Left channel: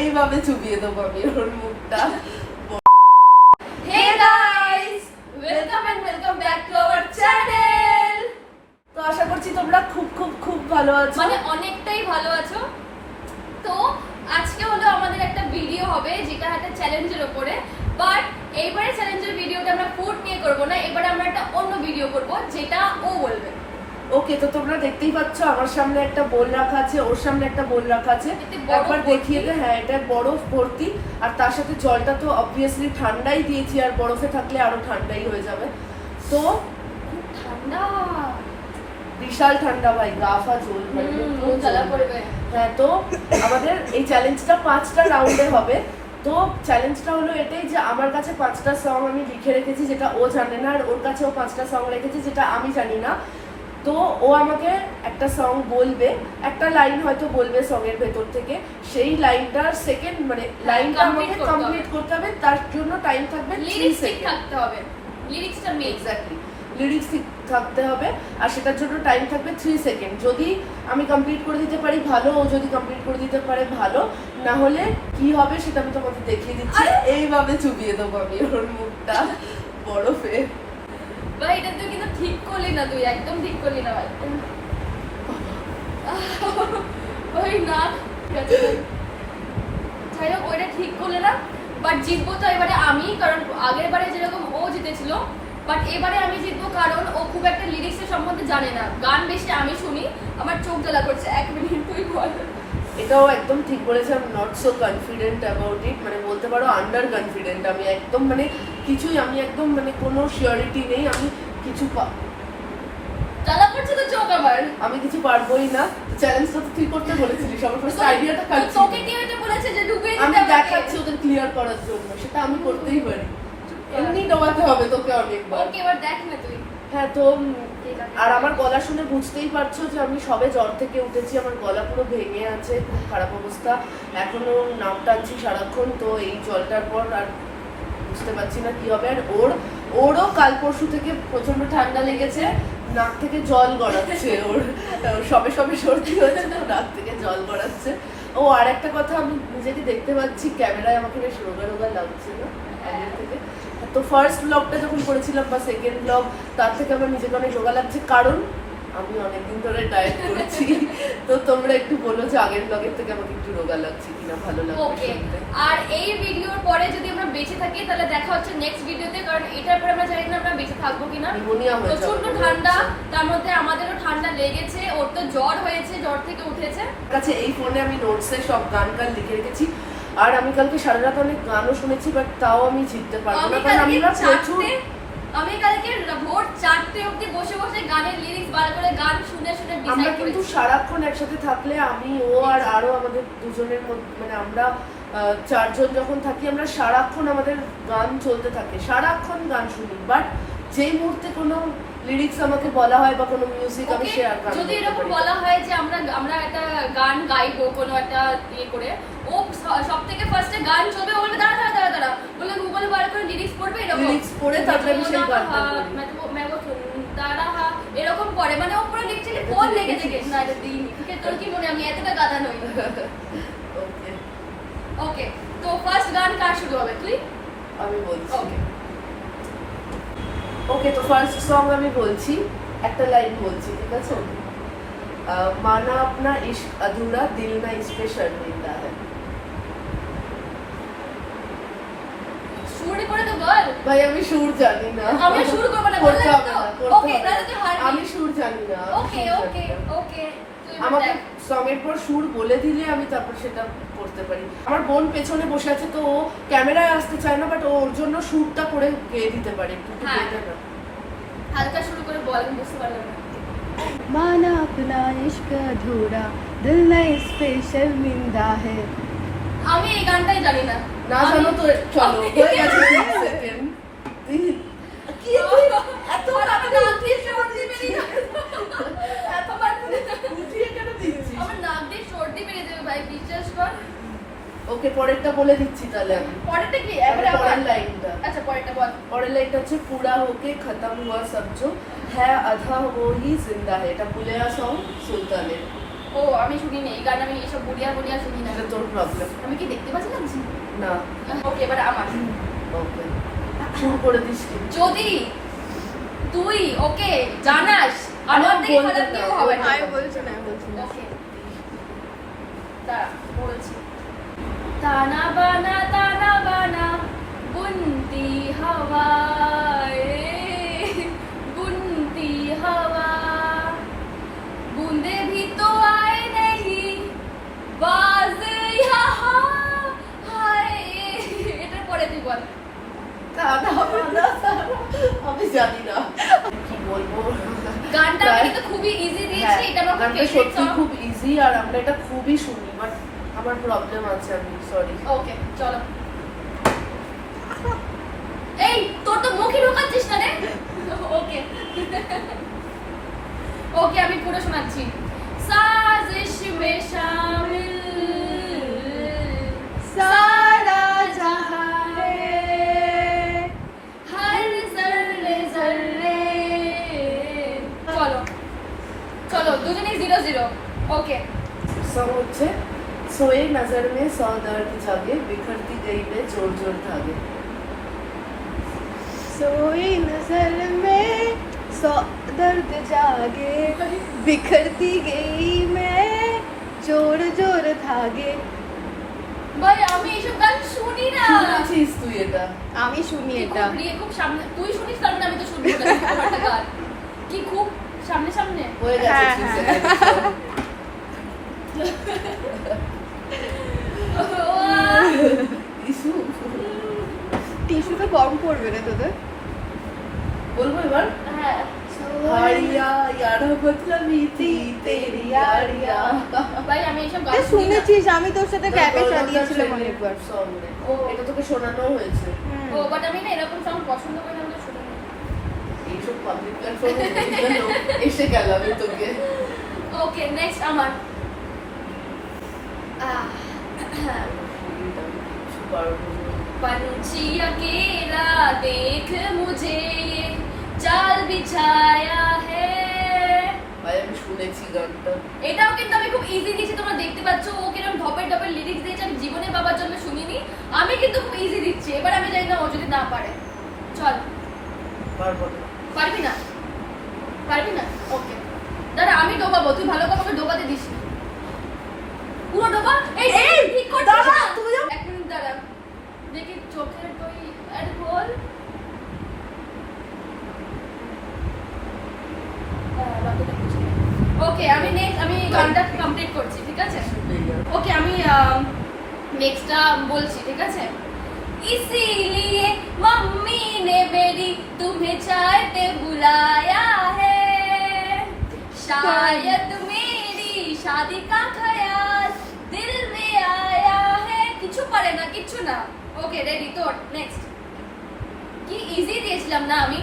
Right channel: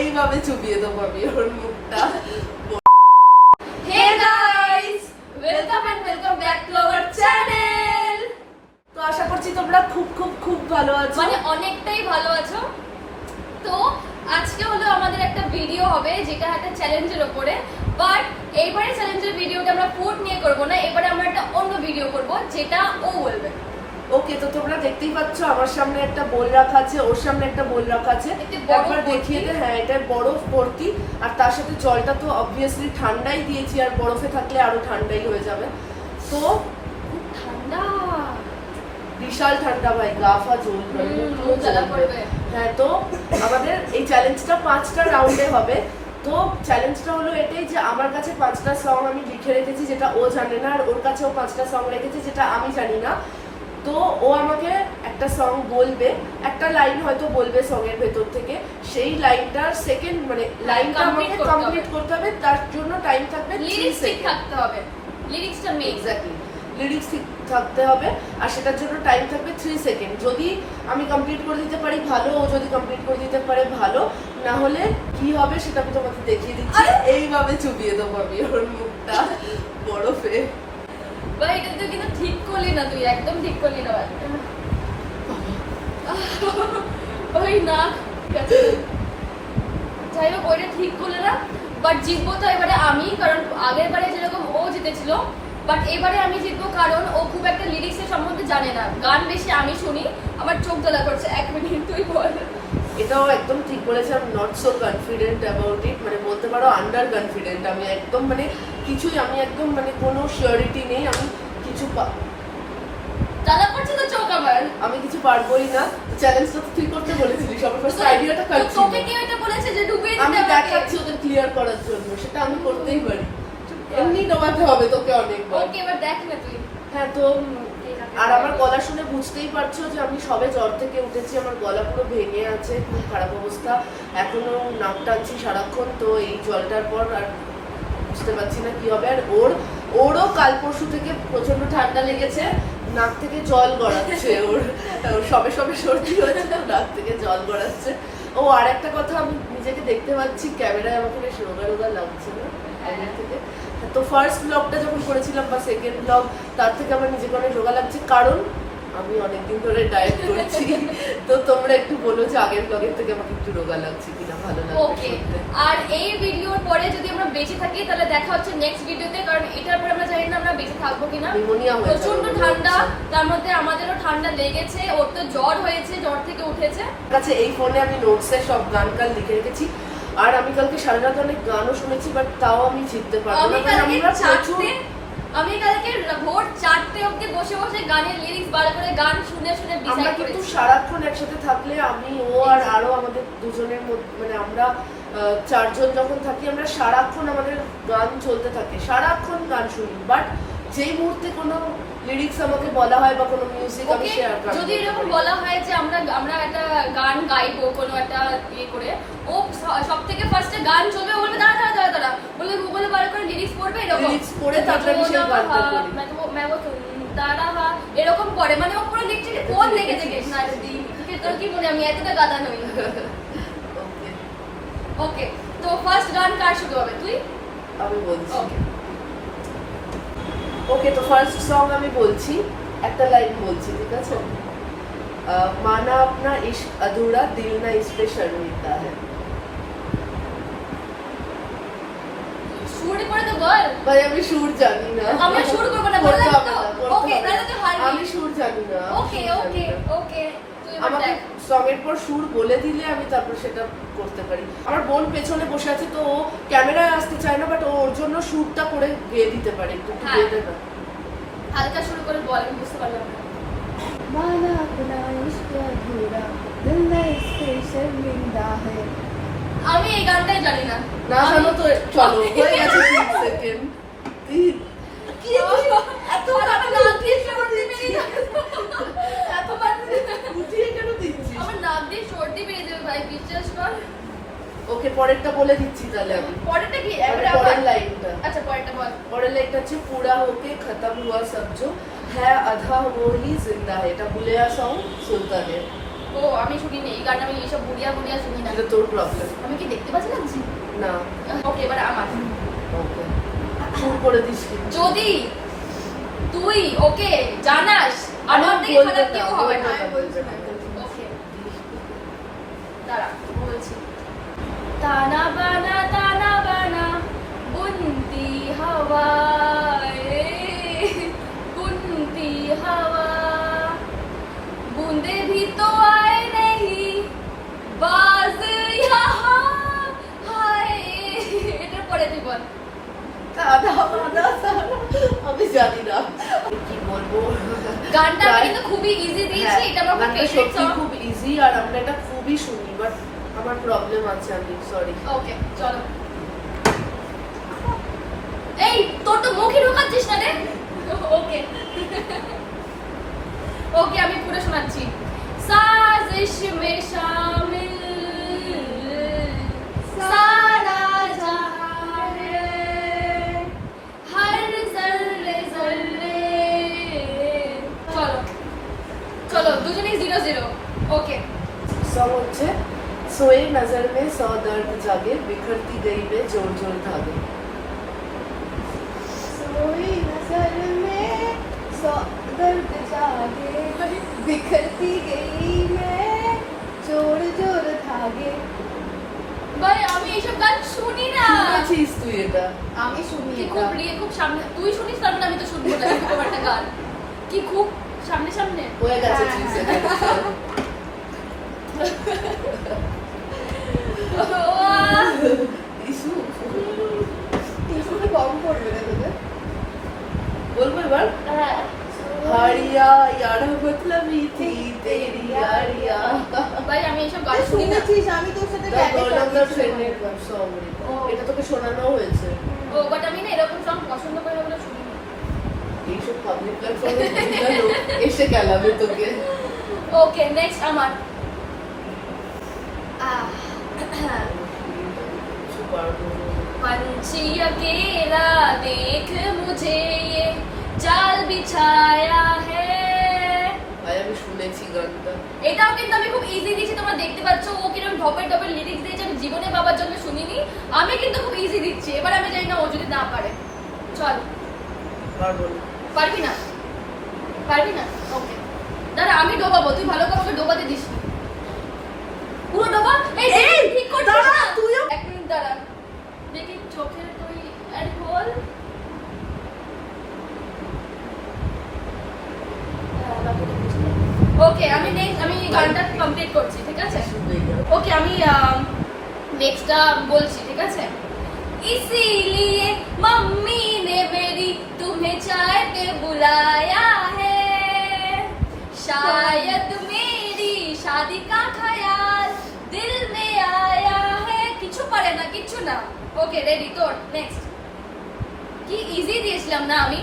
এইভাবে চুপিয়ে দেবো আমি ওর মুখটা। Hey guys, welcome and welcome back to our channel. তো আশা করছি তোমরা খুব খুব খুব ভালো আছো, মানে অনেকটাই ভালো আছো। তো আজকে হলো আমাদের একটা ভিডিও হবে যেটা একটা চ্যালেঞ্জের উপরে, বাট এইবারে চ্যালেঞ্জের ভিডিওটা আমরা ফুড নিয়ে করব না, এবারে আমরা একটা অন্য ভিডিও করব যেটা ও বলবে। ওকে, তো তোমরা দেখতেই পাচ্ছ আমার সামনে একটা বোল রাখা আছে, ওর সামনে একটা বোল রাখা আছে। একবার দেখিয়ে দে। হ্যাঁ, এটা বরফ ভর্তি, আর তার সাথে জলটা তো অবভিয়াসলি ঠান্ডাই দিয়েছি, আর বরফে থাকলে আরো ঠান্ডাই হয়ে যাবে। তো ঠান্ডা, বিশাল ঠান্ডা ভাই, গা ফা জ্বলবে, পুরো জ্বালা পড়বে। হ্যাঁ, তো আমাদের এই চ্যালেঞ্জটা 5টা রাউন্ডে হবে। তো চ্যালেঞ্জটা হলো এটাই যে আমার কাছে 5টা সং আমি লিখে রেখেছি যেটা ও জানে না, আর ওর কাছেও 5টা সং রেখেছি যেটা আমি জানি না। তো ও আমাকে একটা সং বলবে, একটা লাইন হয়তো বলবে সং এর ভেতর থেকে, সেই লাইনটার সেকেন্ড মানে লাইনটা আমাকে কমপ্লিট করতে হবে, তার জন্য টাইম থাকবে 3 সেকেন্ড থাকতে হবে। লিরিক্সটা মেইন, এক্স্যাক্টলি লিরিক্স ঠিক থাকতে হবে, আর সেটার জন্য টাইম থাকবে 3 সেকেন্ড। যদি আমি কমপ্লিট করে দিতে পারি ভালো, ও যদি কমপ্লিট করে দিতে পারে ভালো, না হলে কি হবে সেটা আমি তোমাকে দেখিয়ে দিচ্ছি। এইভাবে চুপিয়ে দেবো আমি ওর মুখটা বরফে। ভাই এটা তুই কিন্তু ঠিক করলি না, তুই একদম ঠিক করলি না ভাই। ভাই না, যাই হোক ওইটা ঠিক করলে না, বাট জিতবো তো এবারে আমি, কারণ আগের বারে যেরকম ও জিতেছিল, বাট এবারে আমি জিতবো কারণ ও খুব একটা লিরিক্সের সম্বন্ধে জানে না। গান বেশি আমি শুনি, আমার চোখ জ্বালা করছে। 1 মিনিট তুই বল। এটাও একদম ঠিক বলেছে, আমি not so confident about it, মানে বলতে পারো আন্ডার কনফিডেন্ট। আমি একদম মানে কিছুই, আমি একদম মানে কোনো শিওরিটি নেই, আমি কিছু জ্বালা করছে তো চোখ আমার। আমি কিছু পারবোই না। চ্যালেঞ্জটা তো তুই করতে বলেছিলি, সবার ফার্স্ট আইডিয়াটা কাটছি। তোকে কে এটা বলেছে যে ডুবিয়ে দিতে? আমি দেখাচ্ছি ওদের ক্লিয়ার করার জন্য, সেটা আমি করতেই পারি। এমনি ডোবাতে হবে তোকে অনেকবার। ওকে, এবার দেখ না তুই। হ্যাঁ, তো আর আমার গলা শুনে বুঝতেই পারছো যে আমি সবে জ্বর থেকে উঠেছি, আমার গলা পুরো ভেঙে আছে, খুব খারাপ অবস্থা, এখনো নাক টানছি সারাক্ষণ। তো এই জলটার পর আর বুঝতে পারছি না কি হবে। আর ওরও কাল পরশু থেকে প্রচন্ড ঠান্ডা লেগেছে, নাক থেকে জল গড়াচ্ছে, ওর সবে সবে সর্দি হয়েছে তো নাক থেকে জল গড়াচ্ছে। ও আর একটা কথা, আমি নিজেকে দেখতে পাচ্ছি ক্যামেরায়, আমাকে বেশ রোগা রোগা লাগছে না আগের থেকে। তো ফার্স্ট ব্লগটা যখন করেছিলাম বা সেকেন্ড ব্লগ, তার থেকে আমার নিজেকে অনেক রোগা লাগছে, কারণ আমি অনেকদিন ধরে ডায়েট করছি। তো তোমরা একটু বলো যে আগের ব্লগের থেকে আমাকে একটু রোগা লাগছে কিনা, ভালো লাগছে। ওকে, আর এই ভিডিওর পরে যদি আমরা বেঁচে থাকি তাহলে দেখা হচ্ছে নেক্সট ভিডিওতে, কারণ এটার পরে আমরা জানি না আমরা বেঁচে থাকবো কিনা। নিউমোনিয়া হয়ে যাবে, প্রচন্ড ঠান্ডা, তার মধ্যে আমাদেরও ঠান্ডা লেগেছে, ওর তো জ্বর হয়েছে, জ্বর থেকে উঠেছে। কাছে এই ফোনে আমি নোটসে সব গান লিখে রেখেছি, আর আমি কালকে সারা রাত অনেক গানও শুনেছি, বাট তাও আমি জিততে পারবো না, কারণ আমরা প্রচুর। আমি কালকে ভোর 4টে অবধি বসে বসে গানের লিরিক্স বার করে গান শুনে শুনে আমরা কিন্তু সারাক্ষণ একসাথে থাকলে, আমি ও আর আরো আমাদের দুজনের মধ্যে, মানে আমরা 4 জন যখন থাকি, আমরা সারাক্ষণ আমাদের গান চলতে থাকে, সারাক্ষণ গান শুনি। বাট যেই মুহূর্তে কোনো লিরিক্স আমাকে বলা হয় বা কোনো মিউজিক আমি শেয়ার করি, যদি এরকম বলা হয় যে আমরা একটা গান গাইবো কোনো একটা ইয়ে করে, ও সব থেকে ফার্স্টে গান চলবে, বলবে দাঁড়া দাঁড়া দাঁড়া, বলে গুগলে বার করে লিরিক্স পড়বে, এরকম লিরিক্স পড়ে তারপরে আমি সেই গানটা করি। এরকম করে, মানে ও পুরো লিটারালি ফোন লেগে থেকে না দিন। তোর কি মনে, আমি এতটা গাদা নই। ওকে ওকে, তো ফার্স্ট গান কার শুরু হবে? তুই? আমি বলছি। ওকে, তো ফার্স্ট সং আমি বলছি, একটা লাইন বলছি, ঠিক আছে? মানা আপনা ইश्क अधूरा दिल ना इस पे शर्मिंदा है। সুর করে তো বল ভাই, আমি সুর জানি না। আমরা সুর করব না, বল না। ওকে, তাহলে তুই হারবি। আমি সুর জানি না। ওকে ওকে ওকে, আমাকে সং এর পর সুর বলে দিলে আমি তারপর সেটা করতে পারি। আমার বোন পেছনে বসে আছে, তো ও ক্যামেরায় আসতে চায় না, বাট ওর জন্য সুরটা করে গেয়ে দিতে পারে, একটু গেয়ে দে না। হালকা শুরু করে বল, আমি বুঝতে পারলাম না। माना अपना इश्क अधूरा दिल न इस पे शर्मिंदा है। আমি এই গানটাই জানি না। না জানো তো চলো, হয়ে গেছে 3 সেকেন্ড। কি তুই এত রাতে উঠিয়ে কেন দিচ্ছিস? এত রাতে উঠিয়ে কেন দিচ্ছিস? আমার নাক দিয়ে সর্দি বেরিয়ে যাবে ভাই, বিশ্বাস কর। ওকে, পরেরটা বলে দিচ্ছি তাহলে আমি। পরেরটা কি? পরের লাইনটা। আচ্ছা, পরেরটা বল। পরের লাইনটা হচ্ছে পুরা হোকে খতম হুয়া সব जो है आधा वो ही जिंदा है। এটা বুলেয়া সং সুলতানের। ও আমি শুনিনি এই গান, আমি এইসব বুড়িয়া বুড়িয়া শুনি না। এটা তোর প্রবলেম। আমি কি দেখতে পাচ্ছি লাগছি? না ওকে এবার আমার। ওকে শুরু করে দিস তুই। যদি তুই ওকে জানাস আমার থেকে বলবে খারাপ না, কেউ হবে না। আমি বলছি না। ওকে দাঁড়া বলছি। ताना बाना बुनती हवा रे, बुनती हवा बूंदे भी तो आए नहीं बाज यहाँ हाय। এটার পরে তুই বল। আমি জানি না কি বলবো। গানটা আমি কিন্তু খুবই ইজি দিয়েছি, এটা আমার গানটা সত্যি খুব ইজি আর আমরা এটা খুবই শুনি, বাট আমার প্রবলেম আছে, আমি সরি। ওকে চলো। এই তোর তো মুখে ঢোকাচ্ছিস না রে। ওকে ওকে আমি পুরো শোনাচ্ছি। साजिश में शामिल सारा जहां है, हर जर्रे जर्रे। চলো চলো দুজনেই 0-0। ওকে सॉन्ग হচ্ছে सोए नजर में सौ दर्द जागे बिखरती गई मैं जोर जोर धागे। सोई नजर में सौ दर्द जागे बिखरती गई मैं जोर जोर धागे। ভাই আমি এইসব গান শুনি না। শুনেছিস তুই এটা? আমি শুনি কি এটা। খুব প্রিয়, খুব সামনে তুই শুনিস তার মানে আমি তো শুনবো না তোমার একটা গান। কি খুব সামনে সামনে হয়ে গেছে হ্যাঁ, 3 হ্যাঁ। সেকেন্ড। ইসু টিস্যুটা কম পড়বে রে তোদের। বলবো এবার। হ্যাঁ হারিয়া यारा बदलवी थी तेरी यारिया। ভাই আমি এইসব গান তুই শুনি না। শুনেছিস, আমি তোর সাথে ক্যাফে চালিয়েছিলাম ও একবার। এটা তোকে শোনানো হয়েছে। ও বাট আমি না এরকম সং পছন্দ করি না বলে শুনি না। এইসব পাবলিক প্ল্যাটফর্মে এসে গেলাবে তোকে। ওকে নেক্সট আমার पंछी अकेला देख मुझे ये जाल बिछाया है। ভাই আমি শুনেছি গানটা। এটাও কিন্তু আমি খুব ইজি দিয়েছি, তোমরা দেখতে পাচ্ছ ও কিরকম ঢপের ঢপের লিরিক্স দিয়েছে, আমি জীবনে বাবার জন্য শুনিনি। আমি কিন্তু খুব ইজি দিচ্ছি, এবার আমি জানি না ও যদি না পারে। চল পারবো না। পারবি না পারবি না ওকে দাঁড়া আমি ডোবাবো, তুই ভালো করে ডোবাতে দিস নি। পুরো ডোবা। এই ঠিক করছিস দাঁড়া, না তুইও। এক মিনিট দাঁড়া দেখি চোখের তুই আর বল। ওকে আমি নেক্সট আমি গানটা কমপ্লিট করছি, ঠিক আছে? ओके আমি नेक्स्ट बोलছি, ঠিক আছে? इसीलिए मम्मी ने मेरी तुम्हें चाय पे बुलाया है, शायद मेरी शादी का ख्याल दिल में आया है। কিছু পারে না, কিছু না। ওকে রেডি তোর নেক্সট। কি ইজি দিয়েছিলাম না আমি?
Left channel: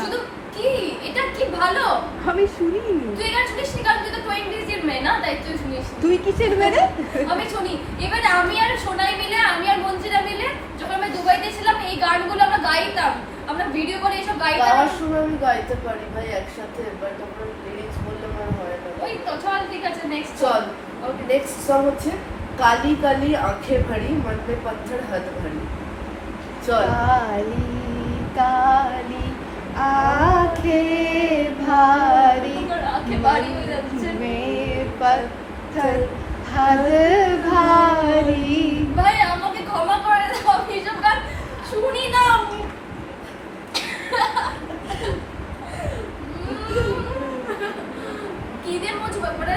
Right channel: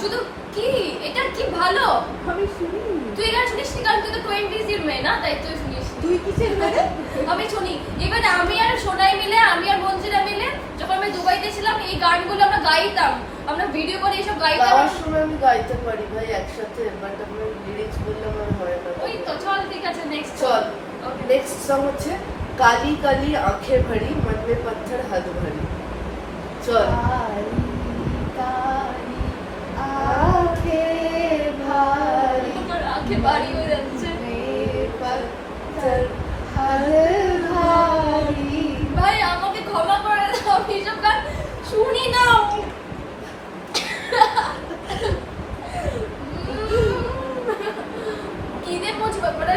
শুধু কি এটা কি ভালো। আমি শুনি। তুই গান শুনিস নি কারণ তুই তো টোয়েন্টিজের মেয়ে না, তাই তুই শুনিস নি। তুই কিসের মেয়ে? আমি শুনি। এবার আমি আর সোনাই মিলে, আমি আর মঞ্জিরা মিলে যখন আমি দুবাইতে ছিলাম এই গানগুলো আমরা গাইতাম, আমরা ভিডিও করে এসব গাইতাম। গাওয়ার সময় আমি গাইতে পারি ভাই একসাথে, বাট আমার লিরিক্স বললে আমার হয় না। ওই তো চল ঠিক আছে নেক্সট চল নেক্সট সং হচ্ছে কালি কালি আঁখে ভরি মন মে পত্থর হদ ভরি। চল काली काली आंखें भारी আমার আঁখে বাড়ি হয়ে যাচ্ছে। में पत्थर हद भारी। ভাই আমাকে ক্ষমা করে দাও, আমি এসব গান শুনি না। কি দিয়ে মুছবো পরে?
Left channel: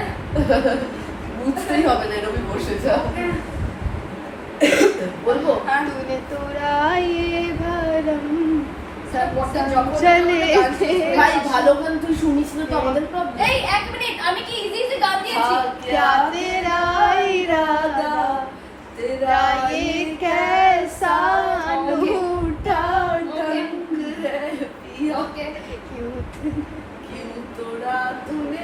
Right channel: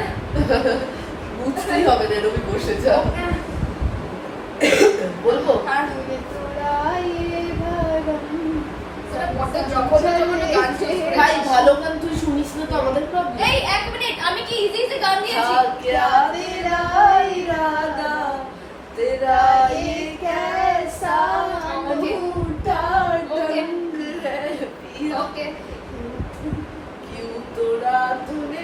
বুঝতেই হবে না, এরকমই বসে যা। বলবো तूने तुराए भरम সেটা বসে যখন গান শেষ হয়ে ভাই ভালো গান তুই শুনিস না তো আমাদের প্রবলেম। এই এক মিনিট আমি কি ইজি ইজি গান দিয়েছি? क्या तेरा इरादा तेरा ये कैसा अनूठा ढंग है पिया ওকে क्यों तोड़ा तूने।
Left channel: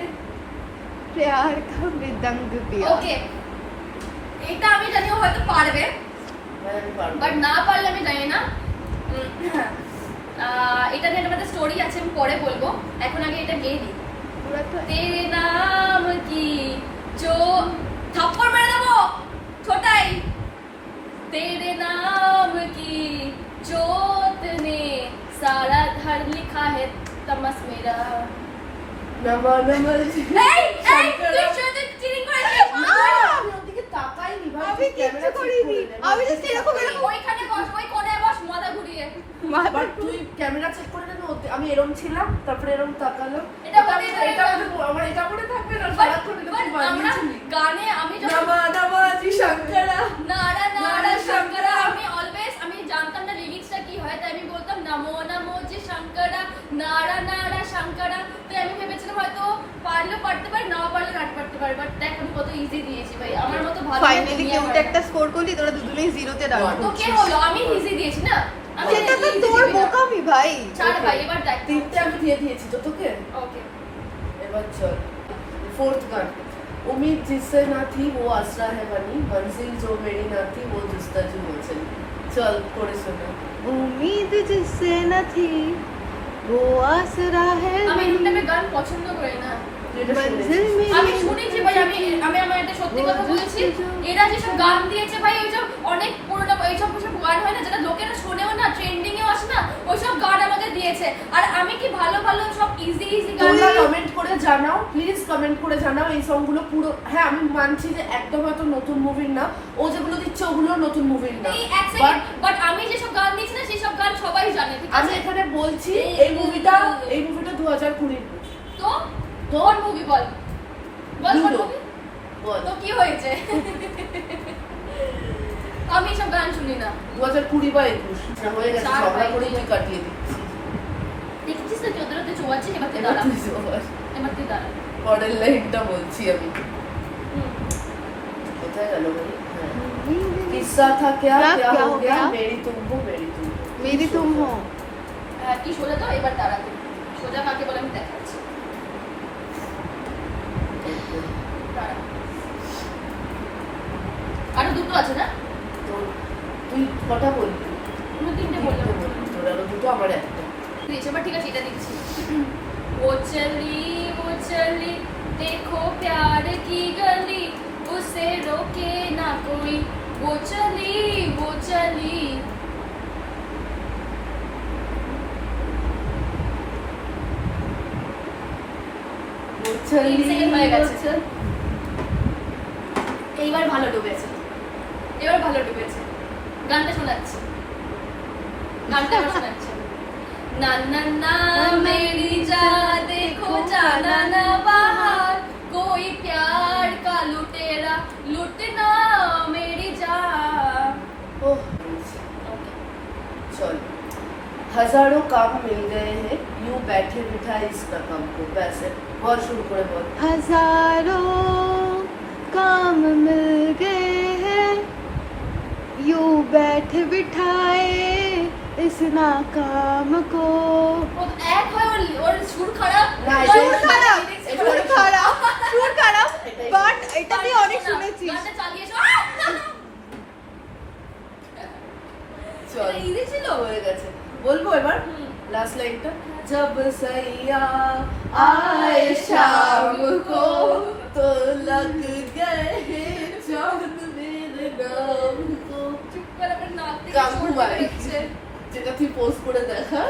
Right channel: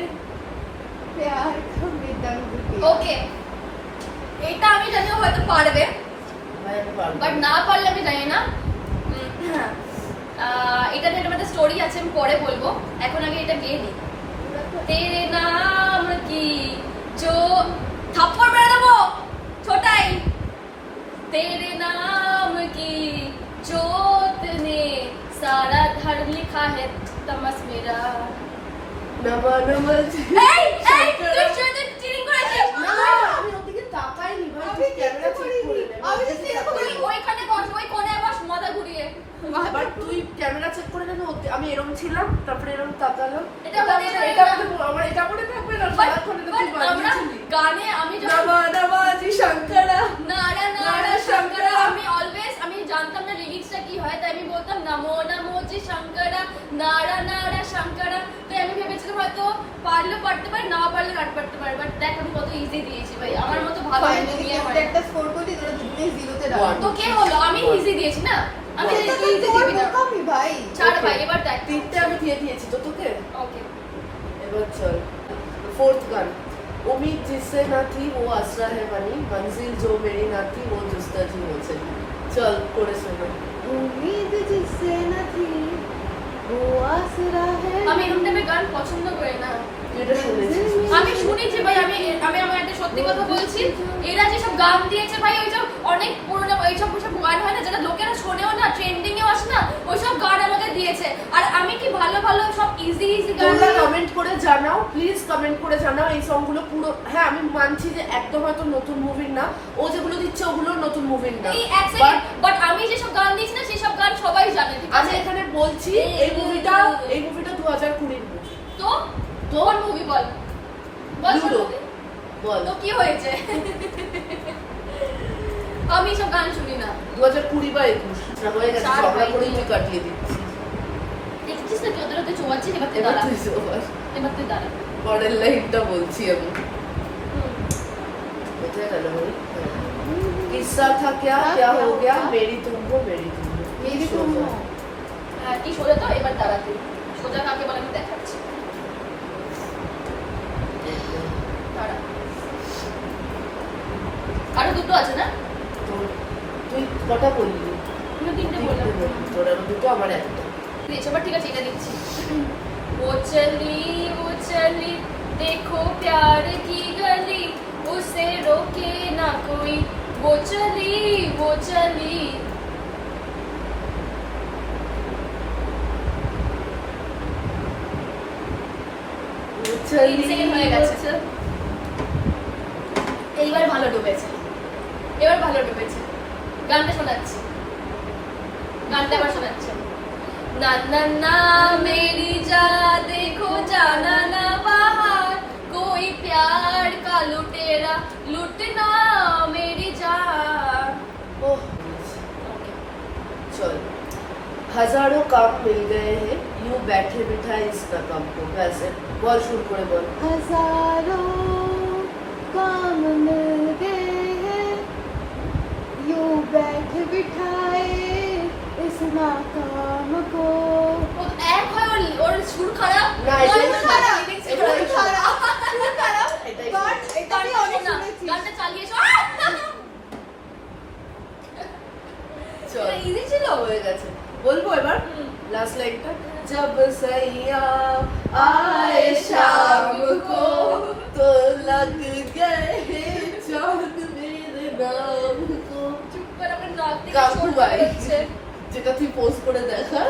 प्यार का मृदंग पिया। ওকে এটা আমি জানি ও হয়তো পারবে, ভাই আমি পারবো বাট না পারলে আমি জানি না। এটা নিয়ে একটা স্টোরি আছে, আমি পরে বলবো, এখন আগে এটা গেয়ে দিই। तेरे नाम की जो थप्पड़ मेरे देबो छोटाई तेरे नाम की जोत ने सारा घर लिखा है तमस मेरा নমা নমা এই এই তুই শুধু চিটিং করেছিস আমি ওদিকে তাকাইনি ভাই আমি ক্যামেরা কিচ্ছু চেক করিনি। করে আমি just এরকম করে ওইখানে বস ওই কোণে বস মাথা ঘুরিয়ে বাট তুই ক্যামেরা চেক করে না আমি এরকম ছিলাম তারপরে এরকম তাকালাম এটা বলে এটা আমার এটা করে থাকবে না সারাক্ষণ এটা তুই আমরা বানিয়েছিলি গানে আমি যখন নমা নমা জি শঙ্করা নারা নারা নারা শঙ্করা শঙ্করা। আমি অলওয়েজ আমি জানতাম না লিরিক্সটা কি হয় তাই আমি বলতাম নমো নমো জি শঙ্করা নারা নারা শঙ্করা তাই আমি ভেবেছিলাম হয়তো পারলে পারতে পারে না পারলে নাট পারতে পারে বাট দেখ আমি কত ইজি দিয়েছি ভাই আমার মতো ভালো ফাইনালি দিয়ে কিন্তু হয় না। একটা স্কোর করলি তোরা দুটোই জিরোতে দাঁড়ালি One. তো কে হলো আমি ইজি দিয়েছি না আমি সেটা তো easy তোর দিবি না। বোকামি ভাই ছাড় ভাই এবার দেখ তিনটে আমি দিয়ে দিয়েছি তো তোকে ওকে এবার চল फोर्थ गान उम्मीद जिससे ना थी वो आसरा है बनी मंजिल जो मेरी ना थी वो जुस्तजू हो चली चल করে শোনা उम्मीद जिससे न थी वो आसरा है আমি এরকম টাইপের গান পছন্দ করি না এটা শুনেছিস আমি শুনেছি ভাই আমি আমি আমার একটা সত্যি কথা বলছি এরা যেসব গান দিয়েছে ভাই ওইসব অনেক পুরোনো ওইসব ওইসব গান হয় না যেটা লোকেরা শোনেও না ট্রেন্ডিং এও আসে না ওইসব গান আমাকে দিয়েছে আর আমি কি ভালো ভালো সব ইজি ইজি গান তোমরা কমেন্ট করে জানাও প্লিজ কমেন্ট করে জানাও এই সংগুলো পুরো হ্যাঁ আমি মানছি যে একদম হয়তো নতুন মুভির না ও যেগুলো দিচ্ছে ওগুলো নতুন মুভির না এই এক But সেকেন্ড বাট আমি যেসব গান দিয়েছি না সেই সব গান সবাই জানে ঠিক আমি আছে এখানে বলছি এই মুভিটা 2020 তো তোর মুভি বল বল কোন Ludo। movie? বল তো কি হয়েছে আমি সব গান শুনি না 2020 বা 21 হয়ে গেছে চার ঝগড়া ভাই। করে তুই কাটিয়ে দিচ্ছিস দেখছিস না তোদের ওদের চোয়াচ্ছে এবার তুই এবার দাঁড়া তুই সবার এবার তুই দাঁড়া পরের লাইনটা বলছি আমি হুম। কোথায় গেল ভাই किस्सा था क्या क्या हो गया मेरी तुमको मेरी तुम हो হ্যাঁ, কি সোজা তো এবার দাঁড়া তুই সোজা কাকে বলে আমি দেখাচ্ছি দাঁড়া আরো দুটো আছে না তুই কটা বললি আমি তিনটে বললাম তোর আরো দুটো আমার একটা দিয়েছে এবার ঠিক আছে এটা দিচ্ছি वो चली देखो प्यार की गली उसे रोके ना कोई वो चली চলি হয়ে গেছে এইবার ভালো ডুবেছে গানটা শোনাচ্ছি গানটা আবার শোনাচ্ছি ना ना ना मेरी जा देखो जाना ना बाहर कोई प्यार का लुटेरा लुटना मेरी जान ओह चल हजारों काम मिल गए हैं यूं बैठे बिठाए इस रकम को वैसे बहुत शुरू करे बोल हजारों काम मिल गए हैं यूं बैठ बिठाए इस नाकाम को ও এক হয় ওর সুর খারাপ না, ওর এটাই সুর খারাপ। lyrics এটাই খারাপ। সুর খারাপ এটাই বাট এটা আমি গানটা অনেক শোনা, শুনেছি গানটা চালিয়ে এসো চল ইজি ছিল হয়ে গেছে বলবো এবার হুম। लास्ट लाइन का जब सैया आए शाम को तो लग गए चांद मेरे नाम को চুপ করে আমার নাক থেকে কাকু সর ভাই। হচ্ছে। যেটা তুই পোস্ট করে দেখা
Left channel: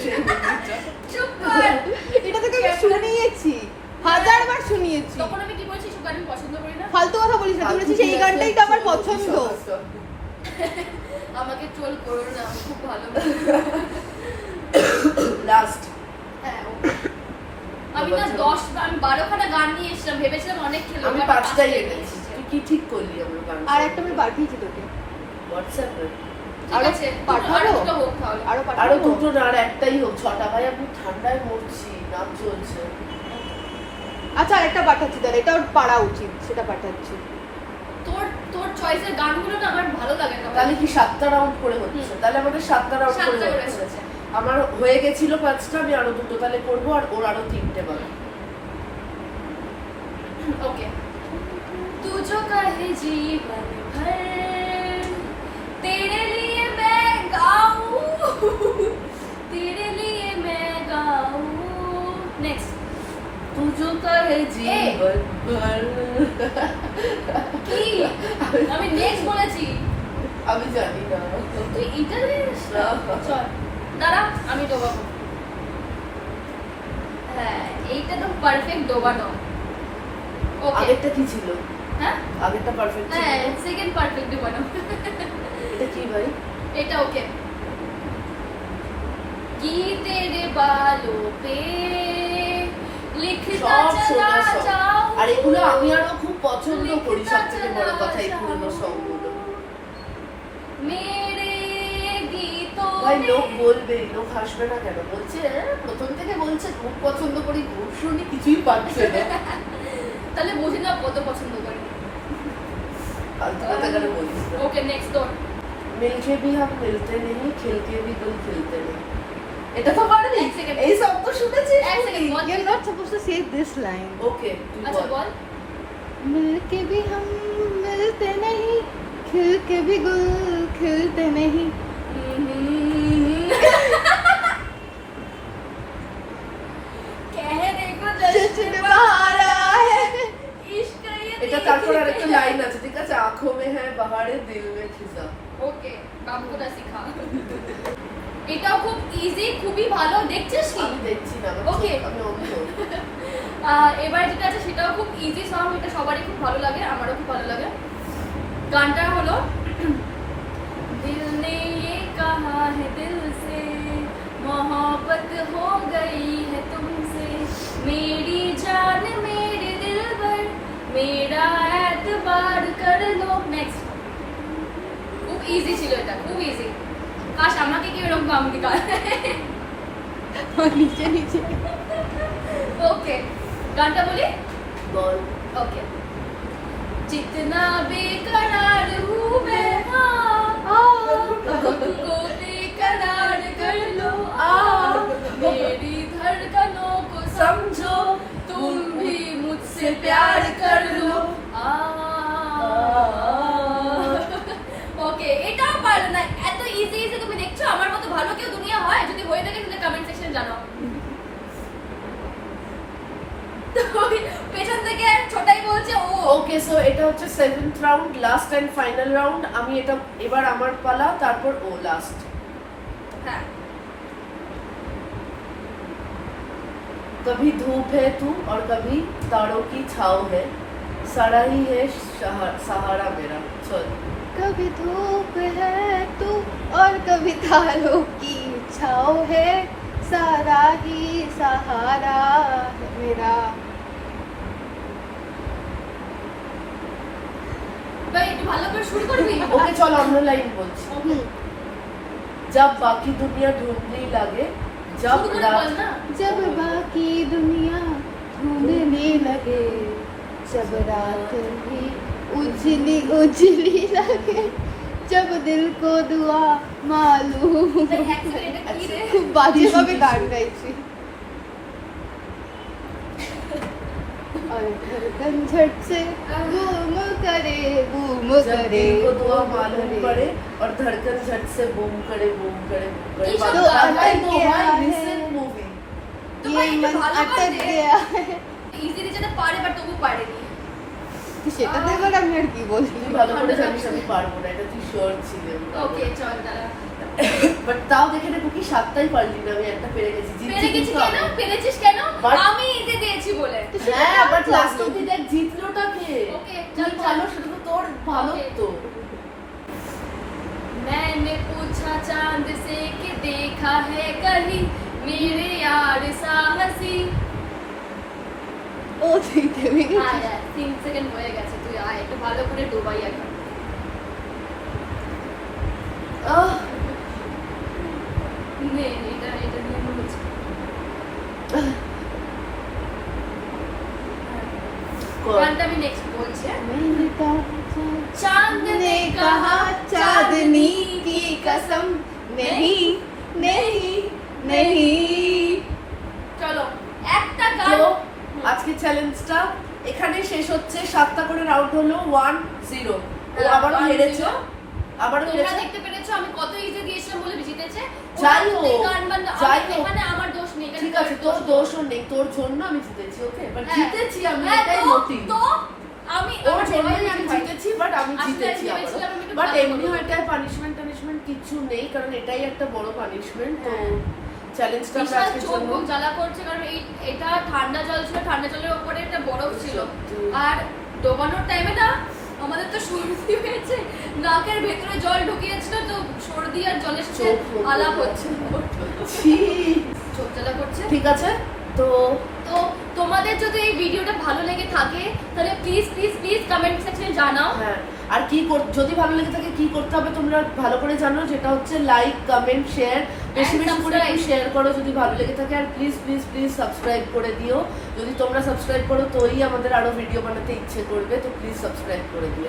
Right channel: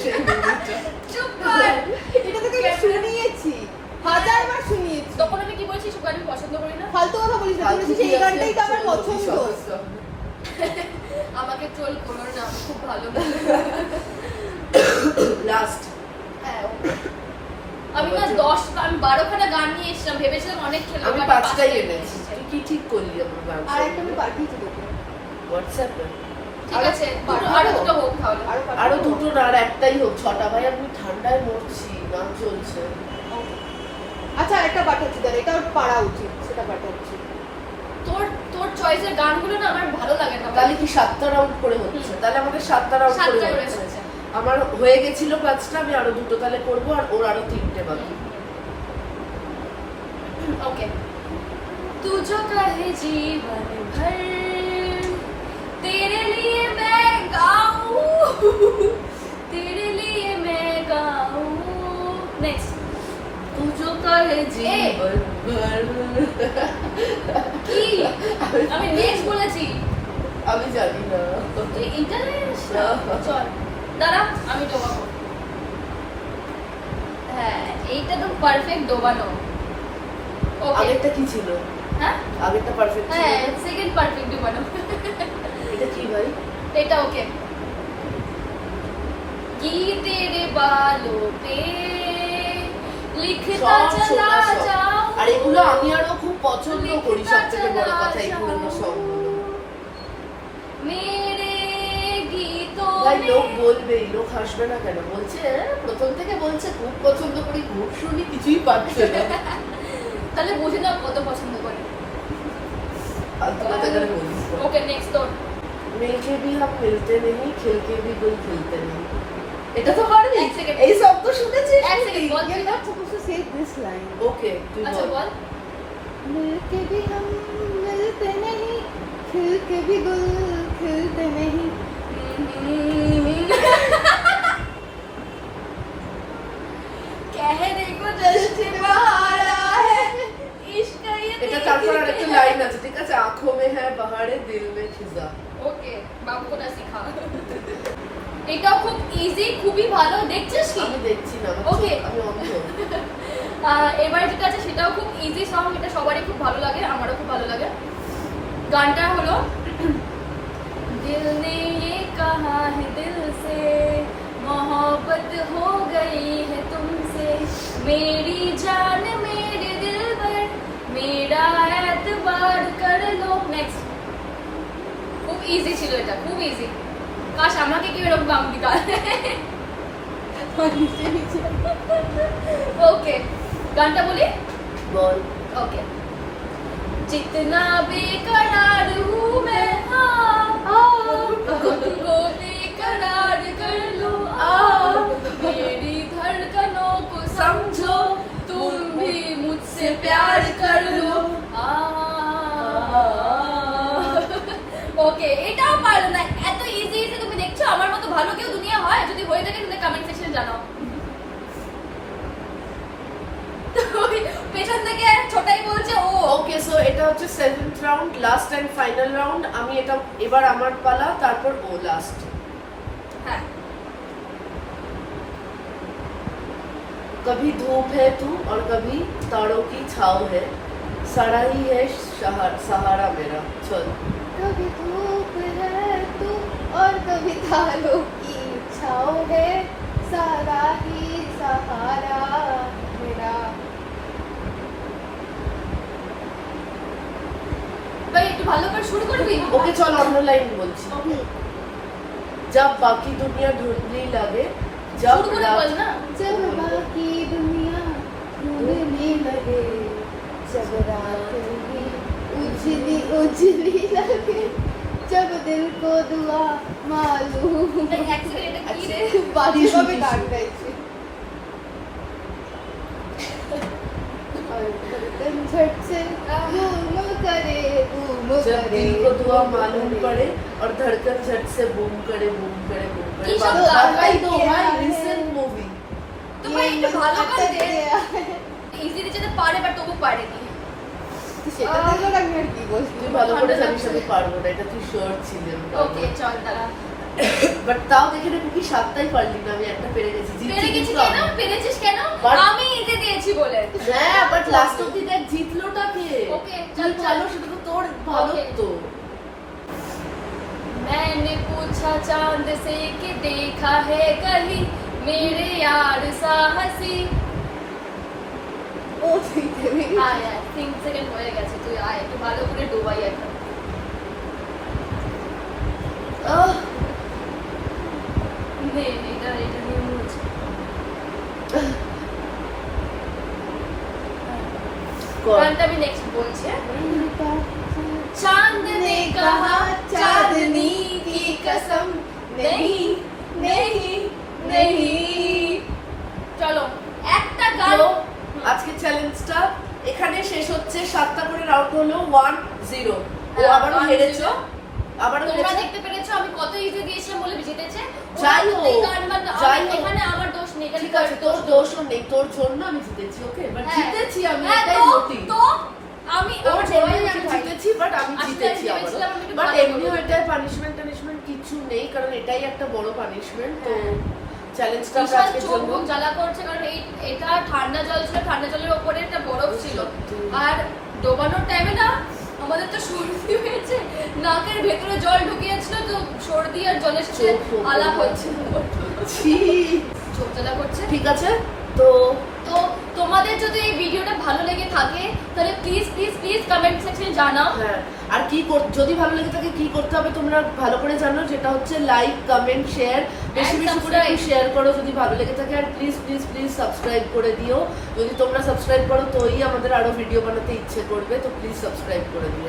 সেই মুভিটা চুপ কর এটা তোকে আমি শুনিয়েছি হাজারবার শুনিয়েছি তখন আমি কি বলছি সব গান আমি পছন্দ করি না ফালতু কথা বলিস না তুই বলেছিস এই গানটাই তো আমার পছন্দ আমাকে ট্রোল করো না আমার খুব ভালো লাস্ট হ্যাঁ, আমি না 10 আমি 12 খানা গান নিয়ে এসেছিলাম ভেবেছিলাম অনেক খেলবো আমি but পাঁচটাই পাঁচটাই এনেছি তুই কি ঠিক করলি আমার গান আর একটা আমি পাঠিয়েছি তোকে হোয়াটসঅ্যাপে ঠিক আছে আরো দুটো হোক তাহলে আরো দুটো না আর একটাই হোক ছটা ভাই আমি ঠান্ডায় মরছি না চলছে আচ্ছা আরেকটা পাঠাচ্ছি তাহলে এটা ওর পারা উচিত সেটা পাঠাচ্ছি তোর চয়েসের গানগুলো না আমার ভালো লাগে না তাহলে কি 7টা রাউন্ড করে হচ্ছে হুম। তাহলে আমাকে 7টা রাউন্ড করে সাতটা করে হচ্ছে হচ্ছে। আমার হয়ে গেছিল 5টা আমি আরো দুটো তাহলে করবো আর ওর আরো 3টে বাকি ओके तू जो कहे जीवन भर तेरे लिए मैं गाऊं तेरे लिए मैं गाऊं नेक्स्ट तू जो বলেছি? আমি জানি না। তুই ইন্টারভিউ না। চল দাঁড়া আমি ডোবাবো। হ্যাঁ এইটা তো পারফেক্ট ডোবানো। ওকে আগেরটা কি ছিল? হ্যাঁ আগেরটা পারফেক্ট ছিল। হ্যাঁ সেকেন্ড পারফেক্ট ডোবানো। এটা কি ভাই? এটা ওকে। কি তেরে বালোं पे লিখতা সব চলা শোনা সব। যাও। আর এগুলো আমি আরো খুব পছন্দ করি, সবথেকে বড় কথা এই পুরনো সংগুলো। মেরে গীতোं ভাই में লোক বলবেই, লোক হাসবে না কেন? বলছে প্রথম থেকে বলছে খুব পছন্দ করি, খুব শুনি, কিছুই পাচ্ছে না। তাহলে বুঝে নাও কত পছন্দ করে। ফালতু কথা করে বলিস না। ওকে নেক্সট তো मिलके भी हम मिलते नहीं, खिलके भी गुल खिलते नहीं। এটা তো পারবি? এক সেকেন্ড। এই শব্দ শুনেছিস? এক second ball You're not supposed to say this line. ওকে তুই আচ্ছা বল। বল मिलके भी हम मिलते नहीं, खिल के भी गुल खिलते नहीं. कहने को जश्न बहार है इश्क ये এটা তারপর আরেকটা লাইন আছে, ঠিক আছে? आंखों में है बहारे, दिल में खिजा। ওকে বাবু কোটা শিখা। এটাও খুব ইজি, খুবই ভালো। দেখছিস কি? আমি দেখছি না, আমার Okay. চোখ, আমি অন্ধ। এবার যেটা আছে সেটাও খুব ইজি সং, এটা সবারই খুব ভালো লাগে, আমারও খুব ভালো লাগে। গানটা হলো दिल ने ये कहा है दिल से मोहब्बत हो गई है तुमसे मेरी जान मेरे दिल पर मेरा एतबार कर लो। नेक्स्ट খুব ইজি ছিল, এটা খুব ইজি। কাশ আমাকে কি এরকম গান দিতে नीचे नीचे. ওকে গানটা বলি বল। ओके जितना बेकरार हूँ मैं खुद को बेकरार कर लो मेरी धड़कनों को समझो तुम भी मुझसे प्यार कर लो ওকে এটাও পারলো না। এত ইজি ইজি তুমি দেখছো? আমার মতো ভালো কেউ দুনিয়া হয়? যদি হয়ে থাকে তাহলে কমেন্ট সেকশনে জানাও। পেছন থেকে ছোটাই বলছে ও ওকে সো এটা হচ্ছে 7th round, last and final round. আমি এটা এবার আমার পালা, তারপর ও লাস্ট। হ্যাঁ कभी धूप है तू और कभी तारों की छाव है, सारा ही है सहारा मेरा। चल। कभी धूप है तू और कभी तारों की छाव है, सारा ही सहारा मेरा. ভাই একটু ভালো করে শুরু করবি। ওকে চল আমরা লাইন বলছি। जब बाकी दुनिया ढूंढने लगे, जब শুরু করে रात বল না। जब बाकी दुनिया ढूंढने लगे, जब रात भी उजली उजली लगे, जब दिल को दुआ मालूम. এক সেকেন্ড কি রে? খুব বাজে ভাবে গান গাইছি. और धड़कन झट से बूम करे बूम जब करे. दिल को दुआ मालूम पड़े और धड़कन झट से बूम करे बूम करे बूम करे। ये सब भाई गाना तो क्या भाई है? Listen movie. তো ভাই একটু ভালো করে अटक দে। गया. ইজি দিতে পারে বাট তবু পারেনি। সেটা দেখো না আমি আর কি বলছি. তুই ভালো করে জানিস আমি পারবো না, এটা তুই শিওর ছিলি আমি পারবো ওকে না। চল দাঁড়া। বাট তাও দেখে না তুই সাতটাই পারলি না, আমি একটা পেরে গেছি। পেরে জিতছি গেছি কিন্তু কেন? আমি। পেরেছিস কেন? But- আমি ইজি দিয়েছি বলে। হ্যাঁ বাট লাস্ট অব্দি দেখ জিতলোটা কে? Okay, তুই চল, ভালো, সেটা তো তোর ভালো Okay. তো। मैंने पूछा चांद से कि देखा है कहीं मेरे यार सा हंसी। ও দেখতে দেখে আয় আয় 3 সেকেন্ড হয়ে গেছে, তুই আয় একটু ভালো করে ডুবাই এখন। আহ নে নে এটা এটা নিয়ে বলছি। কর। গানটা আমি নেক্সট বলছি। मैंने कहा चांद ने कहा चांदनी की कसम नहीं नहीं नहीं। চলো একটা গান। তো আজকে চ্যালেঞ্জটা এখানে শেষ হচ্ছে। 7টা করে রাউন্ড হলো, 1-0। ও হ্যাঁ, আবারও 1-0 হেরেছে, আবারও তোমরা হেরেছে। দেখতে পেরেছো আমি কত ইজি দিয়েছিলাম বলে জিতেছে। যাই হোক, গান বাজনা যাই হোক। এখানে আমার দোষ নেই। ঠিক আছে, তোর দোষও নেই, তোর জন্য আমি জিতেছি। ওকে বাট হ্যাঁ। জিতেছি আমি, হ্যাঁ, এটাই তো- মোটিভ। তো আমি ওর জন্যই আমি ভাই। জিতেছি, বাট আমি আসলে জিতেছি আমি আবারও। ভেবেছিলাম আমি একটু বাট ভালো এমনি করবো। এটা পানিশমেন্ট কিছু নেই, কারণ এটাই একটা বড় পানিশমেন্ট। তো হ্যাঁ। চ্যালেঞ্জটা আমরা বিশাল আজকের চোখ জন্য মুখ জ্বালা করছে, কারণ এটা ঠান্ডা জল ছিল, ঠান্ডা জলের ওপরে একটা বরফ ছিল। সত্যি। আর ডোবানোর টাইমে না আমাদের তো সর্দি হয়েছে, নাকের ভেতরে জল ঢুকিয়েছিল, তো সর্দি আর জলের সাথে চোখ মুখ আলাপ হচ্ছে, ছি। চোখ জ্বালা করছে। ঠিক আছে, তো তো তোমাদের যদি এই ভিডিওটা ভালো লেগে থাকে তাহলে প্লিজ প্লিজ প্লিজ কমেন্ট সেকশনে জানাও। হ্যাঁ, আর কি যদি ভালো লেগে থাকে কি করতে হবে তোমরা ভালো করে জানো, যেটা হচ্ছে লাইক, কমেন্ট, শেয়ার, বেশি And বেশি করে subscribe. শেয়ার করো যদি ভালো লেগে থাকে। আর প্লিজ প্লিজ প্লিজ সাবস্ক্রাইব করে দিও। যদি তোমরা সাবস্ক্রাইব করো তোই আমাদের আরো ভিডিও বানাতে ইচ্ছে করবে, তো প্লিজ সাবস্ক্রাইব করে দিও।